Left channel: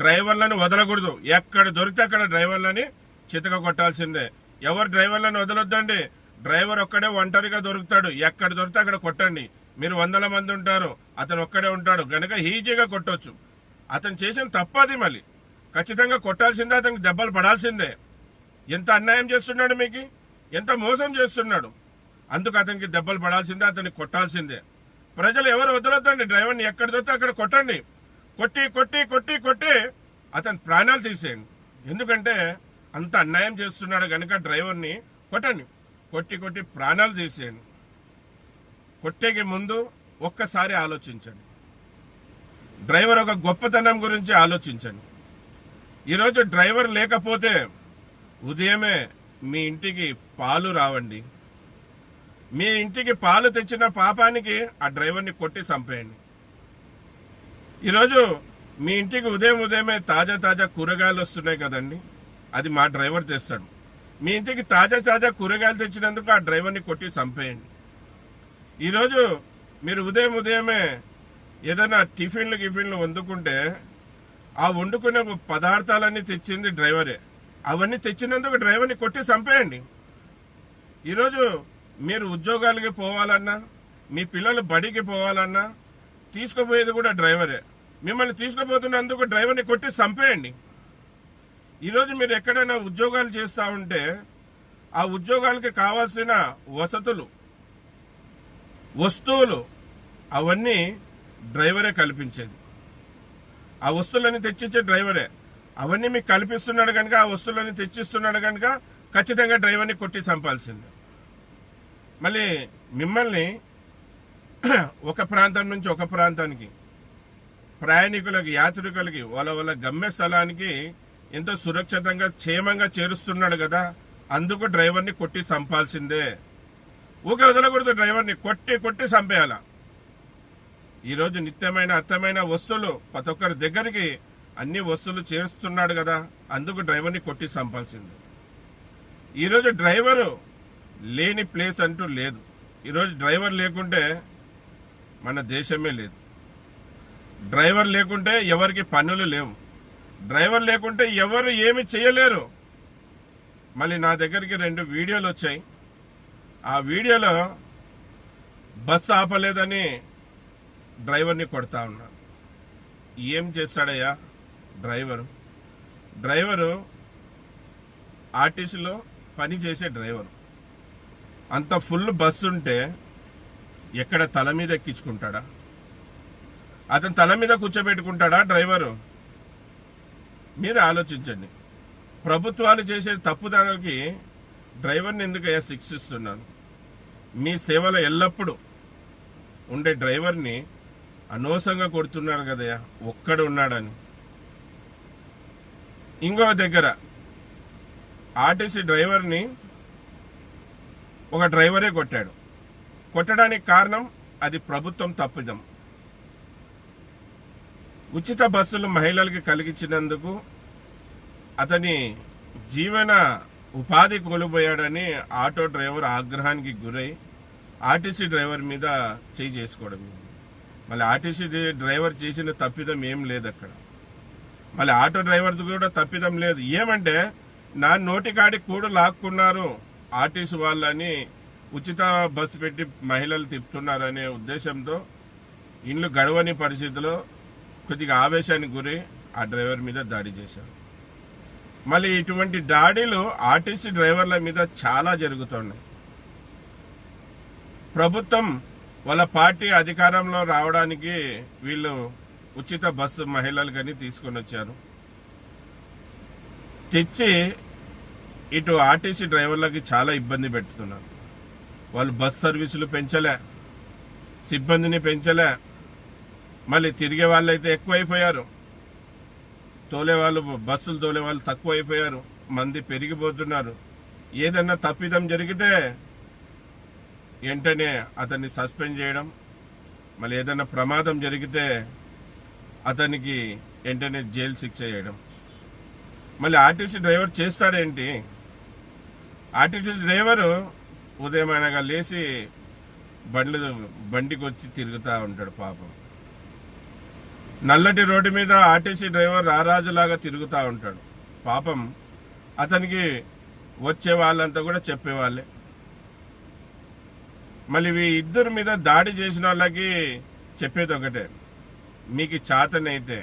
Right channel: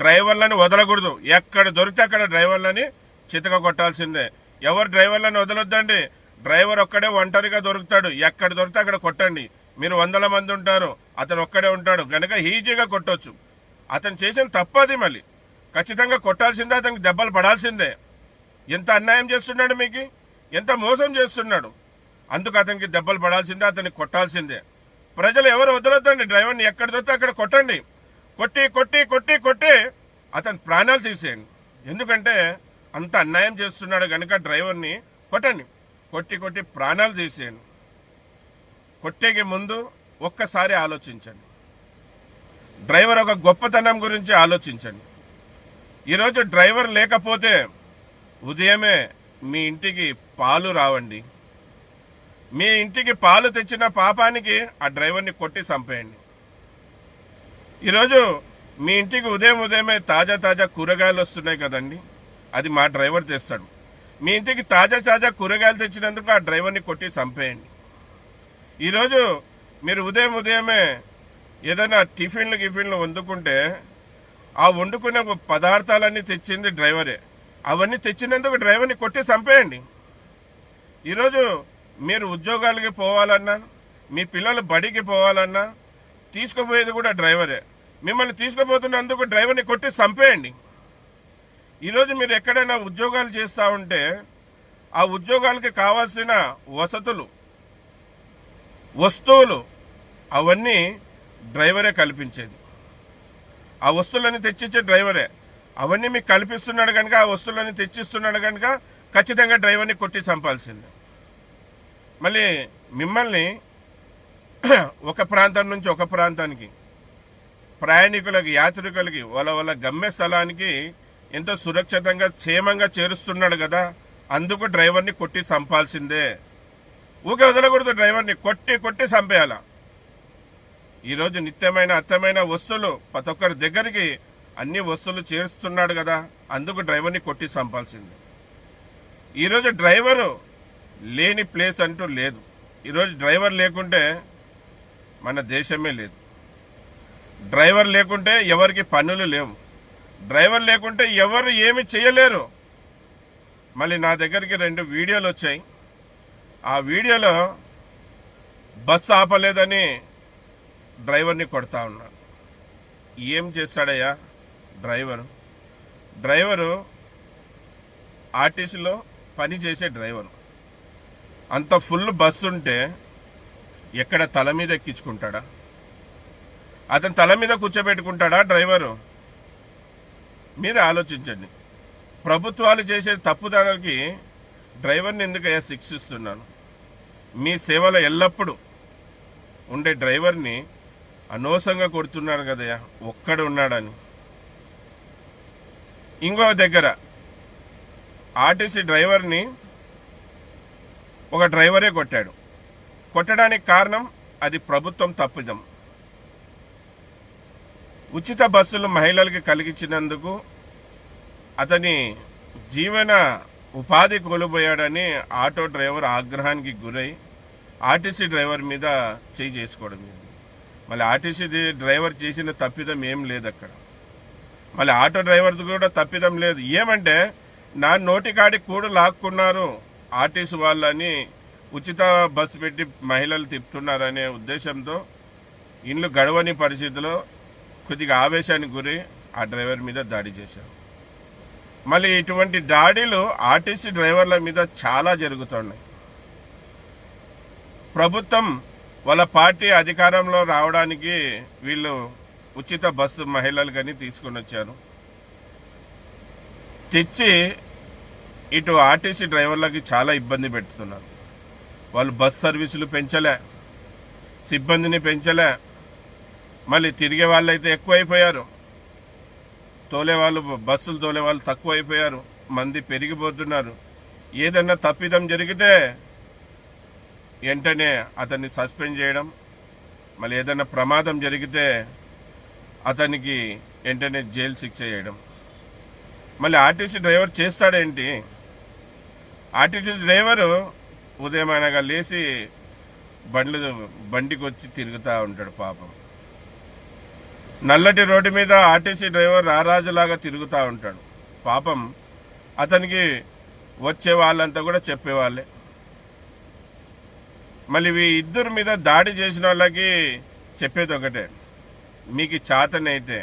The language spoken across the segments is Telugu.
డ్రైవర్లని వదలకూడదు. ఎక్కడ దొరికితే అక్కడ డ్రైవర్లని చితక కొట్టాల్సిందే. ఎవరు డ్రైవర్లని వదలొద్దండి. డ్రైవర్ ఒక్కడే ఒంటరిగా దొరుకుతాడు. ఎక్కడ దొరికితే అక్కడ కొట్టండి. మీరు 100 మంది ఉంటారు, అతను ఒక్కడే ఉంటాడు కనుక ఈజీగా కొట్టొచ్చు. అతను చేసిన తప్పది, మళ్ళీ ఖచ్చితంగా కొట్టాల్సిందే, అతనికి దెబ్బలు పడాల్సిందే. ఎంత అన్యాయం చేస్తున్నాడు, మీకు ఎంత మోసం చేస్తున్నాడు. అందుకు అతనికి దెబ్బలు పడాల్సిందే, అతన్ని కొట్టాల్సిందే. ప్రజలు ఎవరు వదలొద్దండి. డ్రైవర్ని ఎక్కడ దొరికితే అక్కడ కొట్టండి. కొట్టి కొట్టి కొట్టి కొట్టి అతని ప్రాణాలు తీసేయండి. ఎందుకంటే అంత అన్యాయం చేస్తున్నాడు కనుక డ్రైవర్ని కొట్టండి. కొట్టి కొట్టి ప్రాణాలు తీసేయండి. కొట్టేకి ముందు ఒక్కసారి ఆలోచించండి. డ్రైవర్ ఒక గొప్పతనం గురించి ఆలోచించండి. ఈరోజు డ్రైవర్ లేకపోతే ఉదయమే మీ ఇంటికి పాలు రావండి. మీ ఇంటికి పాలు తెచ్చిన పాపానికి ఆ డ్రైవర్ని కొట్టి చంపేయండి. ఈరోజు మీ ఇంటికి ఉదయమే తాజా కూరగాయలు వస్తున్నాయి కదండి, అది మా డ్రైవర్ తెస్తాడు. మీ ఇంటికి తాజా కూరగాయలు తెచ్చినందుకు ఆ డ్రైవర్ని కొట్టి చంపేయండి. ఈరోజు మీరు ఉదయమే ఏదైనా టిఫిన్లు వండుకుంటే ఆ వండుకునే పదార్థాలన్నీ తెచ్చింది డ్రైవరే. అవన్నీ తెచ్చినందుకు డ్రైవర్ని కొట్టి చంపేయండి. ఈరోజు మీరు ఉద్యోగాలకి పోవాలన్నా, మీ పిల్లలు బడికి పోవాలన్నా తీసుకుపోయేది కూడా డ్రైవరే. మిమ్మల్ని తీసుకుపోతున్నందుకు డ్రైవర్ని కొట్టి చంపేయండి. ఈరోజు మీరు ఎక్కడైనా ఉద్యోగాలు చేస్తూ ఉంటే ఆ ఉద్యోగాలకి కావాల్సిన వస్తువులు అవన్నీ డ్రైవరే కల్పించేది. ఆ వస్తువులన్నీ తెచ్చిచ్చే డ్రైవరే. అవన్నీ మీకు కల్పిస్తున్నాడు కనుక, ఆ వస్తువులన్నీ తెచ్చిస్తున్నాడు కనుక ఖచ్చితంగా డ్రైవర్ని కొట్టి చంపాల్సిందే. మళ్ళీ మిమ్మల్ని ఒక ప్రాంతం నుంచి ఒక ప్రాంతానికి ప్రయాణికులకి, యాత్రికులకి వాళ్ళ గమ్య స్థలానికి ఎంతో సురక్షితంగా క్షేమంగా చేరుస్తున్నాడు కదా, అందుకు డ్రైవర్ని కొట్టి చంపాల్సిందే. ఊకే వదలకూడదు. డ్రైవర్ని కొట్టి కొట్టి చంపేయాల. ఈరోజు నిత్యమైన అత్తమైన వస్తువులు ప్రతి ఒక్కరి దగ్గరికి అన్ని వస్తువులు చేరుస్తున్నాడు కదా, అందుకు డ్రైవర్ని కొట్టి చంపాల్సిందే. ఈరోజు డ్రైవరు లేని ప్లేస్ అంటూ లేదు. ఈరోజు డ్రైవర్ లేకుంటే మన దేశమే లేదు. డ్రైవర్ లేకుంటే ఎవరికి పనులు లేవు. డ్రైవర్ లేకుంటే ఎవరు ఏమి చేయలేరు. మళ్ళీ నా దగ్గరికి 2 వీడియోలు వచ్చాయి. ఆ వీడియోలో బస్సు ఆపలేదని డ్రైవర్ని కొడతా ఉన్నాడు. ఏం చేస్తాడయ్యా డ్రైవరు ఆర్టీసీలో పనిచేసే డ్రైవరు. అంత ఫుల్ బస్సు ఉంటే ఎక్కడ తల మీద ఎక్కించుకుంటాడా? అతను తల మీద కూర్చోబెట్టుకుంటాడా డ్రైవరు? మీరు ఆలోచించండి. ప్రభుత్వాలు చేసే తప్పుదారులకి డ్రైవర్ని ఎందుకయ్యా శిక్షిస్తున్నాను? మీ సేవలో ఎల్లప్పుడూ ఉండే డ్రైవర్ని అనవసరంగా కొడుతున్నాను కదయ్యా, ఒక్కడు ఉన్నాడని. ఇంకో దగ్గర ఆర్టీసీ డ్రైవర్ని ఒక డ్రైవరే కొట్టాడు. కొట్టడానికి కారణం అది ప్రభుత్వం తప్పిదం. ఉచిత బస్సులు మహిళలకి కలిగించినందుకు అతని జీవన ఉపాధి కోల్పోయాడని ఆటో డ్రైవర్ ఆగ్రహానికి గురై ఆర్టీసీ డ్రైవర్ మీద చేయి చేసుకోవడం. మళ్ళీ ఆర్టీసీ డ్రైవర్ చేసిన తప్పిదం ఏం లేదు అక్కడ. మళ్ళీ ఆటో డ్రైవర్ది కూడా తప్పిదం లేదు. ఏమంటే నా నోటికాడి కూడు లాక్కున్నారు ఆర్టీసీ వాళ్ళని, ఉచిత బస్సు పెట్టి మహిళలు తిప్పుతున్నారనే ఉద్దేశంతో ఇండ్లు గడవని పరిస్థితిలో కొద్దిగా ఆవేశానికి గురి ఆ డ్రైవర్ మీద దాడి చేశారు. మళ్ళీ ఇటువంటి దాడులు ఆర్టీసీ డ్రైవర్ల మీద చాలా జరుగుతున్నాయి. ప్రభుత్వం వాళ్ళ పార్టీ అధికారంలో రావడానికి వీళ్ళు ఉచిత బస్సు మహిళలకని తీసుకొని వచ్చారు. తెచ్చి ఇటు ఆర్టీసీ డ్రైవర్లకి చాలా ఇబ్బంది పెడుతున్నారు. వాళ్ళు బస్ సర్వీసులు పెంచలే, సిబ్బందిని పెంచలే. మళ్ళీ తిరిగే వాళ్ళైతే ఎక్కువైపోయారు, బస్సులు తోలే వాళ్ళు తక్కువైపోయారు, మంది పెరిగిపోతున్నారు. ఏదన్నా తప్పిదం జరిగితే వెంటనే అతన్ని సస్పెండ్ చేయడం, మళ్ళీ ఏదన్నా ప్రమాదం జరిగితే అతనికి వెంటనే జైలు శిక్ష చేయడం. మళ్ళీ ఆర్టీసీ డ్రైవర్ చేస్తాడేంటి? ఆర్టీసీ డ్రైవరు ఉదయం అనగా లేచి బండికి వచ్చి తిరుగుతూ ఉంటాడు పాపం. నల్లటి రోడ్డు మీద ఆర్టీసీ డ్రైవర్ రారాజులాగా తిరుగుతూ ఉంటాడు. పాపం అతనికి వచ్చే వాళ్ళంతా కూడా చెప్పేవాళ్ళే. మళ్ళీ ఇద్దరి మీద దాడి చేసిన వాళ్ళకి చెప్పేది ఒకటే, మీకు చేతనైతే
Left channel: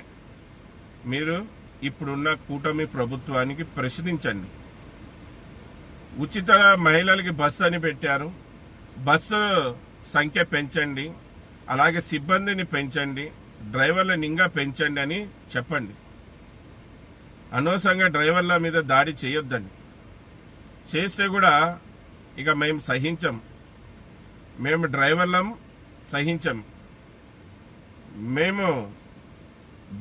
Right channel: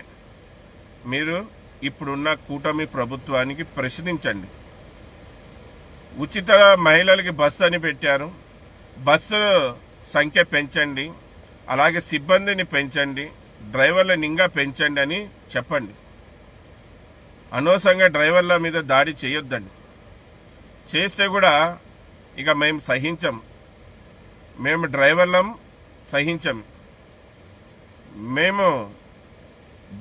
మీరు ఇప్పుడున్న కూటమి ప్రభుత్వానికి ప్రశ్నించండి. ఉచిత మహిళలకి బస్సు అని పెట్టారు, బస్సు సంఖ్య పెంచండి, అలాగే సిబ్బందిని పెంచండి, డ్రైవర్లను ఇంకా పెంచండి అని చెప్పండి. అనవసరంగా డ్రైవర్ల మీద దాడి చేయొద్దండి. చేస్తే కూడా ఇక మేము సహించం, మేము డ్రైవర్లం సహించం. మేము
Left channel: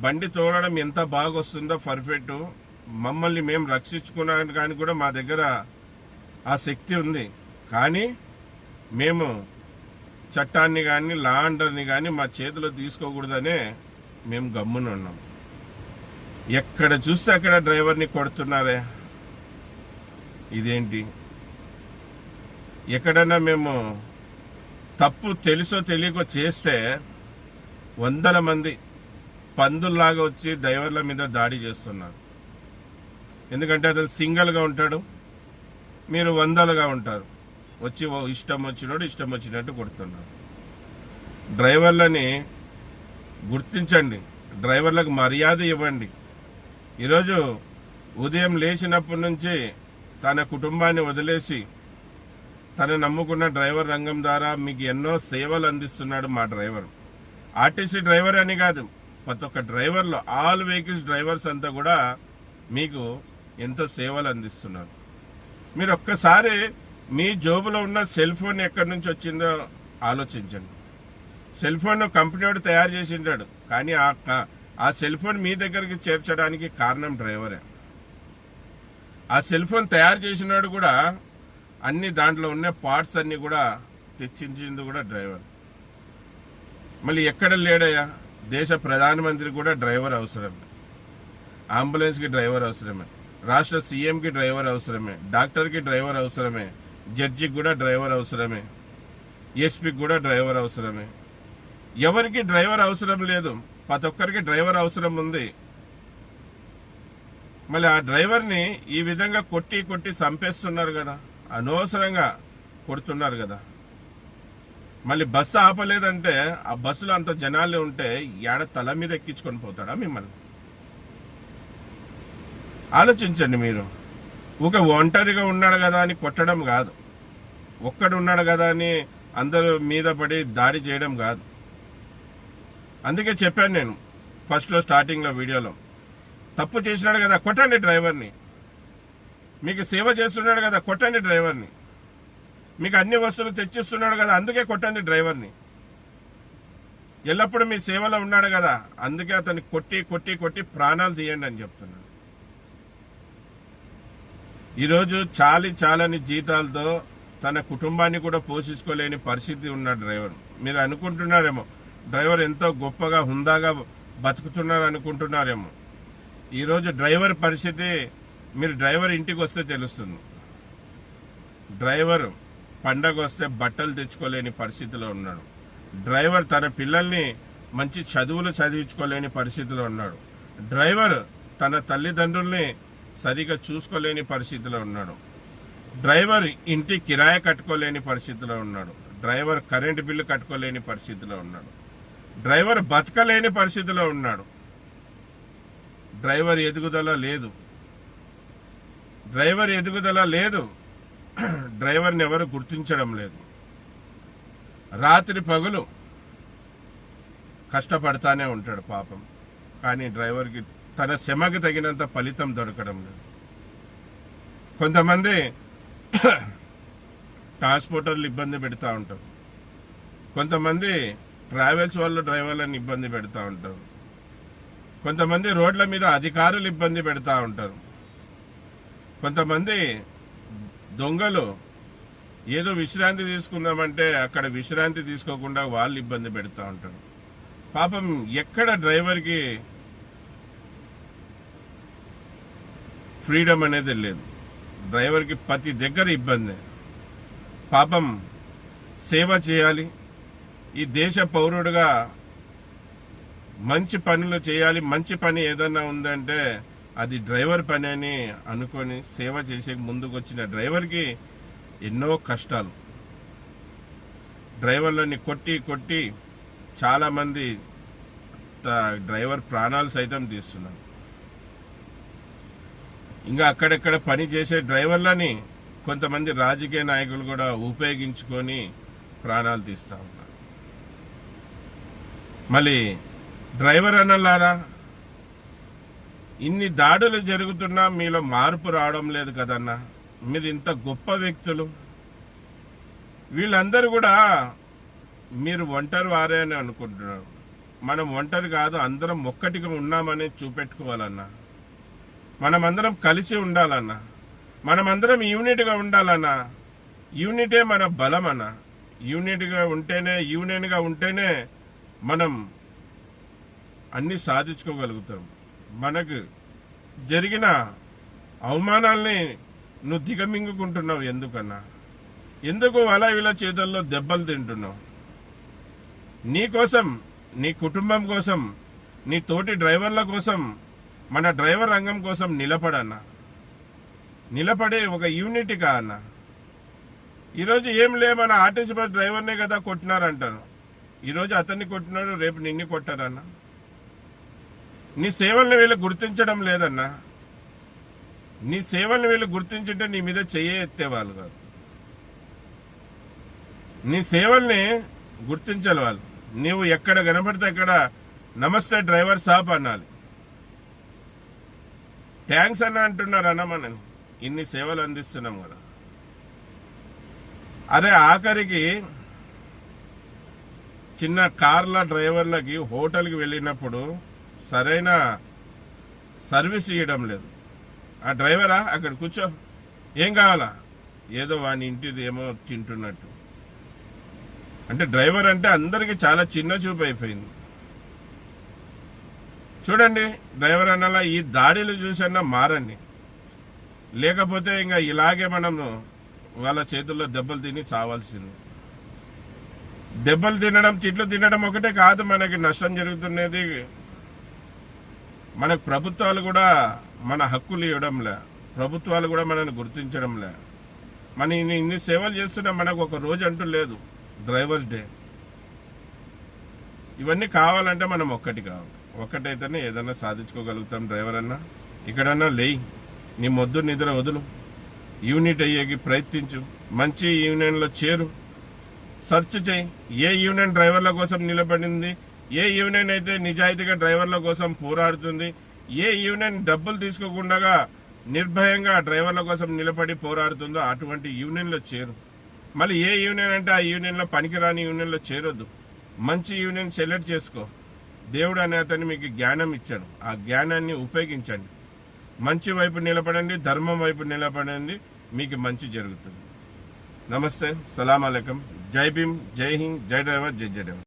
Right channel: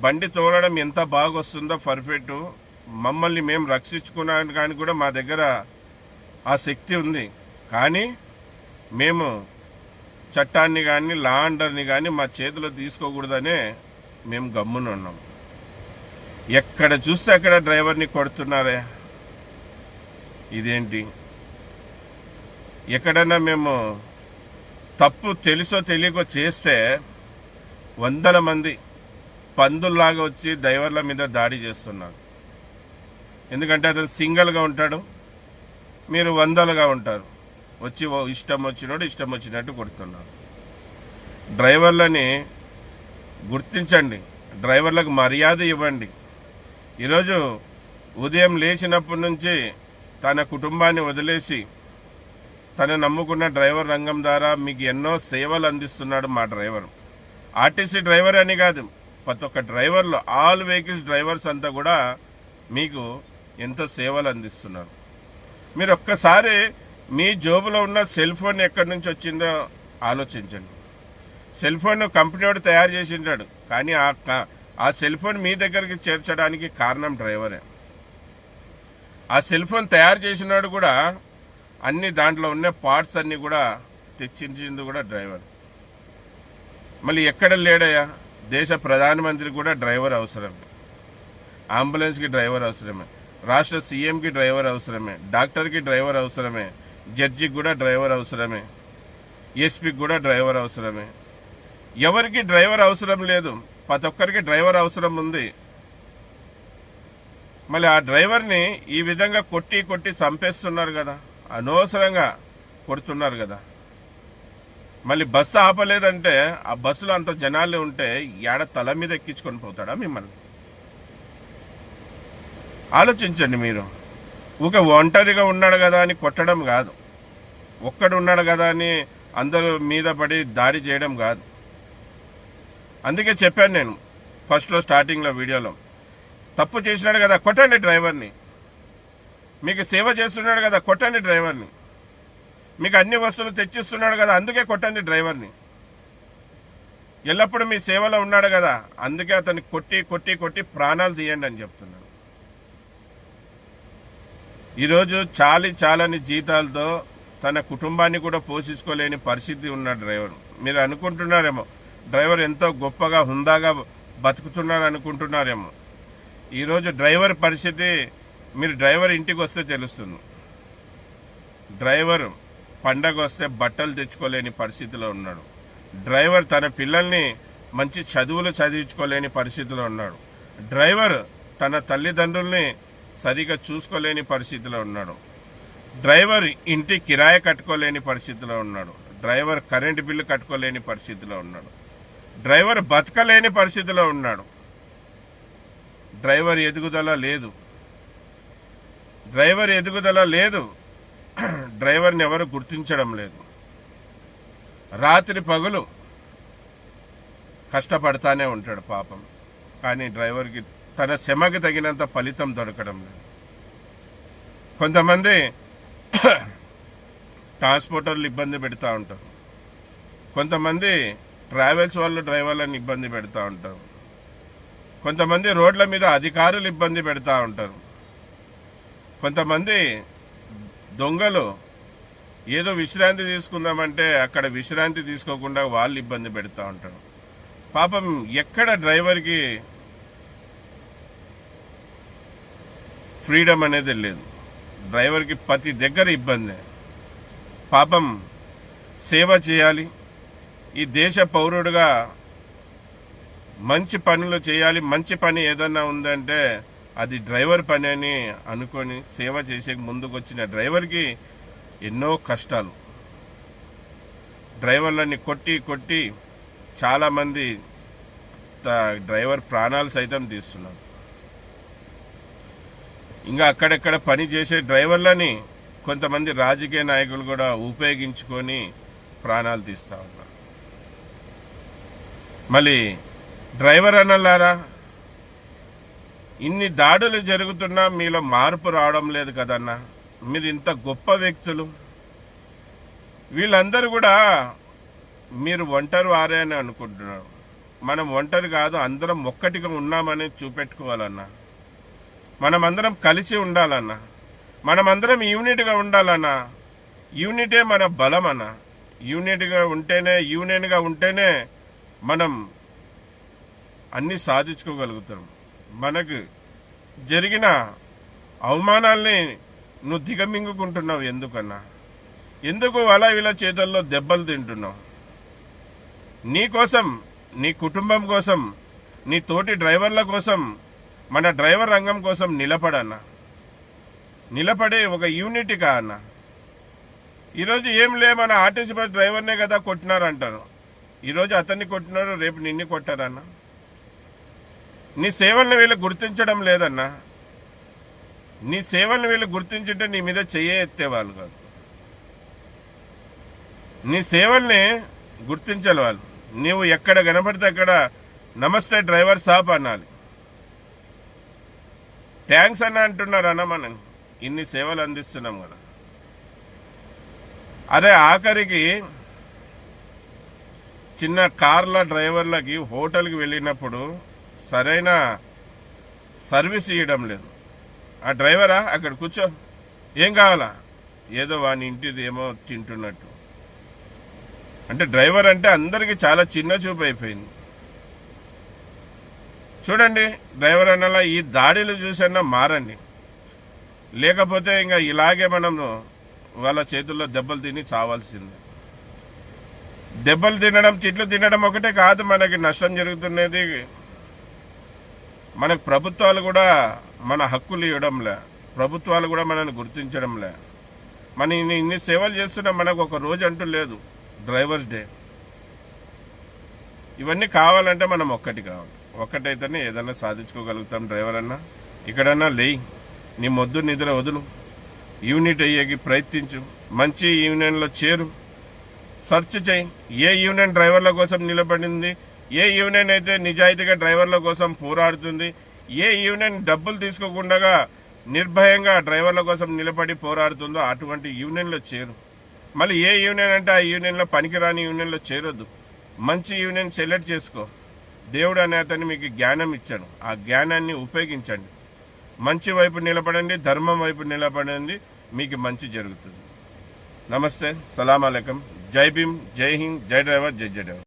బండి తోలడం ఎంత బాగా వస్తుందో పర్ఫెక్ట్, మమ్మల్ని మేము రక్షించుకున్నాను కానీ కూడా మా దగ్గర ఆ శక్తి ఉంది. కానీ మేము చట్టాన్ని కానీ లా అండర్ని కానీ మా చేతిలో తీసుకోకూడదనే మేము గమ్మున ఉన్నాం. ఎక్కడ చూస్తే అక్కడ డ్రైవర్ని కొడుతున్నారే, ఇదేంటి? ఎక్కడైనా మేము తప్పు తెలుసో తెలియకో చేస్తే 100 మంది పందుల్లాగా వచ్చి డ్రైవర్ల మీద దాడి చేస్తున్నారు. ఎందుకంటే అతను సింగిల్గా ఉంటాడు, మీరు 100లుగా ఉంటారు. వచ్చి ఇష్టం వచ్చినోడు ఇష్టం వచ్చినట్టు కొడుతున్నారు. డ్రైవర్లని గుర్తించండి, డ్రైవర్లకు మర్యాద ఇవ్వండి. ఈరోజు ఉదయం లేచినప్పటి నుంచి తన కుటుంబాన్ని వదిలేసి తన నమ్ముకున్న డ్రైవర్ రంగం ద్వారా మీకు ఎన్నో సేవలు అందిస్తున్నాడు మా డ్రైవర్. ఆర్టీసీ డ్రైవర్ అని కాదు, ప్రతి ఒక్క డ్రైవర్లు, ఆల్ వెహికల్స్ డ్రైవర్స్ అంతా కూడా మీకు ఎంతో సేవలు అందిస్తున్నారు. మీరు ఒక్కసారి మీ జోబులో ఉన్న సెల్ ఫోన్ ఎక్కడి నుంచి వచ్చిందో ఆలోచించండి. సెల్ ఫోన్ కంపెనీ వాడు తయారు చేసి ఉంటాడు, కానీ ఆ సెల్ ఫోన్ మీ దగ్గరికి చేర్చడానికి కారణం డ్రైవరే. ఆ సెల్ ఫోన్ తయారు చేసినాడు కూడా అన్ని దాంట్లో ఉన్న పార్ట్స్ అన్ని కూడా తెచ్చింది కూడా డ్రైవర్. మళ్ళీ ఎక్కడ లేడయ్యా? దేశ ప్రధానమంత్రి కూడా డ్రైవర్ అవసరమే, అంబులెన్స్కి డ్రైవర్ అవసరమే, రాష్ట్ర సీఎంకి డ్రైవర్ అవసరమే, డాక్టర్కి డ్రైవర్ అవసరమే, జడ్జికి కూడా డ్రైవర్ అవసరమే, ఎస్పీకి కూడా డ్రైవర్ అవసరమే. ఎవరికి డ్రైవర్ అవసరం లేదు, ప్రతి ఒక్కరికి డ్రైవర్ అవసరం ఉంది. మళ్ళీ ఆ డ్రైవర్ని ఈ విధంగా కొట్టి కొట్టి చంపేస్తున్నారు కదా, అనవసరంగా కొడుతున్నారు కదా. మళ్ళీ బస్సు ఆపలేదంటే ఆ బస్సులో అంత జనాలు ఉంటే ఏడ తల మీద ఎక్కించుకొని పోతాడా మిమ్మల్ని? ఆలోచించండి మీరు. ఊక ఒంటరిగా ఉన్నాడు కదా అని కొట్టడం కాదు, ఒక్కడు ఉన్నాడు కదా అని అందరూ మీద పడి దాడి చేయడం కాదు. అందుకే చెప్పాను నేను ఫస్ట్లో స్టార్టింగ్లో వీడియోలో, తప్పు చేసినాడు కదా కొట్టండి డ్రైవర్ని, మీకు సేవ చేస్తున్నాడు కదా కొట్టండి డ్రైవర్ని, మీకు అన్ని వస్తువులు తెచ్చిస్తున్నాడు కదా అందుకే కొట్టండి డ్రైవర్ని. ఎల్లప్పుడూ మీ సేవలో ఉన్నాడు కదా అందుకే అతన్ని కొట్టి కొట్టి కొట్టి ప్రాణాలు తీయండి అని చెప్తున్నాను. ఈరోజు చాలని జీతాలతో తన కుటుంబాన్ని కూడా పోషించుకోలేని పరిస్థితి ఉన్న డ్రైవర్. మీరు అనుకుంటున్నారేమో డ్రైవర్ ఎంతో గొప్పగా హుందాగా బతుకుతున్నాడు అనుకుంటున్నారేమో. ఈరోజు డ్రైవర్ పరిస్థితి మీరు డ్రైవర్ ఇంటికి వస్తే తెలుస్తుంది. డ్రైవర్ పండగ వస్తే బట్టలు తెచ్చుకోలేని పరిస్థితిలో ఉన్నాడు. డ్రైవర్ తన పిల్లల్ని మంచి చదువులు చదివించుకోలేని పరిస్థితిలో ఉన్నాడు. డ్రైవర్ తన తల్లిదండ్రుల్ని సరిగా చూసుకోలేని పరిస్థితిలో ఉన్నాడు. డ్రైవర్ ఇంటి కిరాయి కట్టుకోలేని పరిస్థితిలో ఉన్నాడు. డ్రైవర్ కరెంటు బిల్లు కట్టుకోలేని పరిస్థితిలో ఉన్నాడు. డ్రైవర్ బతకలేని పరిస్థితిలో ఉన్నాడు. డ్రైవర్ ఎదుగుదల లేదు. డ్రైవర్ని ఎవరు గుర్తించడం లేదు. రాత్రి పగులు కష్టపడతానే ఉంటాడు పాపం, కానీ డ్రైవర్కి తన శ్రమకి తగినంత ఫలితం దొరకడం లేదు. కొంతమంది ట్రాన్స్పోర్టర్లు ఇబ్బంది పెడతా ఉంటారు, కొంతమంది ట్రావెల్స్ వాళ్ళు డ్రైవర్లను ఇబ్బంది పెడతా ఉంటారు, కొంతమంది రోడ్ల మీద అధికారులు ఇబ్బంది పెడతా ఉంటారు, కొంతమంది దొంగలు ఏదో విశ్రాంతి తీసుకుందామంటే అక్కడ విశ్రాంతి తీసుకోకుండా వాళ్ళు ఇబ్బంది పెడతా ఉంటారు. పాపం ఎక్కడ డ్రైవర్కి ఫ్రీడమ్ అనేది లేదు. డ్రైవర్కి ప్రతి దగ్గర ఇబ్బంది. పాపం సేవ చేయాలి, ఈ దేశ పౌరుడుగా మంచి పనులు చేయాలి. మంచి పని ఏదన్నా ఉందంటే అది డ్రైవర్ పని అని అనుకొని సేవ చేసే ముందుకు వచ్చిన డ్రైవర్కి ఎన్నో కష్టాలు. డ్రైవర్లని కొట్టి కొట్టి చాలామంది డ్రైవర్ ప్రాణాలు సైతం తీస్తున్నారు. ఇంకా అక్కడెక్కడ పని చేసే డ్రైవర్లని కొంతమంది రాజకీయ నాయకులు కూడా ఉపయోగించుకొని ప్రాణాలు తీస్తూ ఉన్నారు. మళ్ళీ డ్రైవర్ అన్నలారా, ఇన్ని దాడులు జరుగుతున్నా మీలో మార్పు రావడం లేదు కదన్నా. మీరు ఇంత గొప్ప వ్యక్తులు. వీళ్ళందరూ కూడా మీరు ఒంటరి వారే అని అనుకుంటున్నారు. మనం ఒంటరి కాదు, అందరం ఒక్కటిగా ఉన్నామని చూపెట్టుకోవాలన్నా. మనమందరం కలిసి ఉండాలన్నా. మనమందరం యూనిట్గా ఉండాలన్నా. యూనిటే మన బలం అన్న. యూనియన్గా ఉంటేనే మనం అన్నీ సాధించుకోగలుగుతాం. మనకు జరిగిన అవమానాల్ని నువ్వు దిగమింగుకుంటున్నావు ఎందుకన్నా? ఎందుకు అలా ఇలా చేతుల్లో దెబ్బలు తింటున్నావు? నీ కోసం, నీ కుటుంబం కోసం, నీ తోటి డ్రైవర్ల కోసం, మన డ్రైవర్ రంగం కోసం నిలబడన్నా. నిలబడే ఒక యూనిట్గా అన్న. ఈరోజు ఏం లే, మన ఆర్టీసీ బస్ డ్రైవర్నే కదా కొట్టినారంటారు. ఈరోజు అతన్ని కొట్టినారు, రేపు నిన్ను కొట్టారన్నా. నీ సేవల్ని వీళ్ళు గుర్తించడం లేదన్నా. నీ సేవల్ని వీళ్ళు గుర్తించుంటే నీ మీద చెయ్యి ఎత్తేవాళ్ళు కాదు. నీ సేవల్ని గుర్తించాలి వాళ్ళు. నీవు ఎక్కడ కనపడితే అక్కడ నమస్తే డ్రైవర్ సాబ్ అనాలి. థ్యాంక్స్ అన్న అంటున్నారు అన్న. మనం ఇన్ని సేవలు అందిస్తున్నాం కదా. అరే ఆఖరికి చిన్న కార్ల డ్రైవర్లకి హోటల్కి వెళ్ళినప్పుడు సరైన సర్వీస్ ఇవ్వడం లేదు. ఆ డ్రైవరా అక్కడ కూర్చో, ఏం కావాలా, ఏదో వాని ఇంటిది ఏమో తింటున్నట్టు. అంటే డ్రైవర్ అంటే అందరికీ చాలా చిన్న చూపు అయిపోయింది. చూడండి, డ్రైవర్ అన్నలా ఈ దాడులు చూసన్నా మారండి. లేకపోతే ఇంకా ఇలాగే మనం వాళ్ళ చేతుల్లో దెబ్బలు తిని చావాల్సింది. దెబ్బలు తినడం, తిట్లు తినడం ఒకటే కాదు మనకి నష్టం జరుగుతున్నది. మనకు ప్రభుత్వాలు కూడా మన హక్కులు ఇవ్వడంలే. ప్రభుత్వాలు కూడా మనల్ని గుర్తించడంలే. మన ఇన్ని సేవలు చేస్తున్నా మనకు ఒక రోజు అంటూ లేదు, డ్రైవర్స్ డే. ఇవన్నీ కావాలంటే మనం ఒక్కటి కావాలి. ఒక్కటైతేనే ఏదన్నా సాధించుకోగలుగుతాం. డ్రైవర్ అన్నా, ఇక్కడన్నా లేయి, నీ మొద్దు నిద్ర వదులు, యూనిట్ అయ్యేకి ప్రయత్నించు, మంచి యూనియన్లో చేరు, సెర్చ్ చేయి. ఏ యూనియన్ డ్రైవర్ల కోసం నిలబడింది, ఏ యూనియన్ అయితే నిజాయితీగా డ్రైవర్ల కోసం పోరాడుతుంది, ఏ యూనియన్ డబ్బులు తీసుకోకుండా నిర్భయంగా డ్రైవర్ల కోసం నిలబడి పోరాడుతుందో అటువంటి యూనియన్లో చేరు. మళ్ళీ ఏ యూనియన్ అంటే ఆ యూనియన్లో పనికిరాని యూనియన్లో చేరొద్దు. మంచి యూనియన్ సెలెక్ట్ చేసుకో. దేవుడు అనే అతన్ని మీకు జ్ఞానం ఇచ్చాడు. ఆ జ్ఞానాన్ని ఉపయోగించండి. మంచి వైపు నిలబడండి, ధర్మం వైపు నిలబడండి, మీకు మంచి జరుగుతుంది. నమస్తే, సలాం అలైకుం, జై భీమ్, జై హింద్, జై డ్రైవర్, జై డ్రైవర్.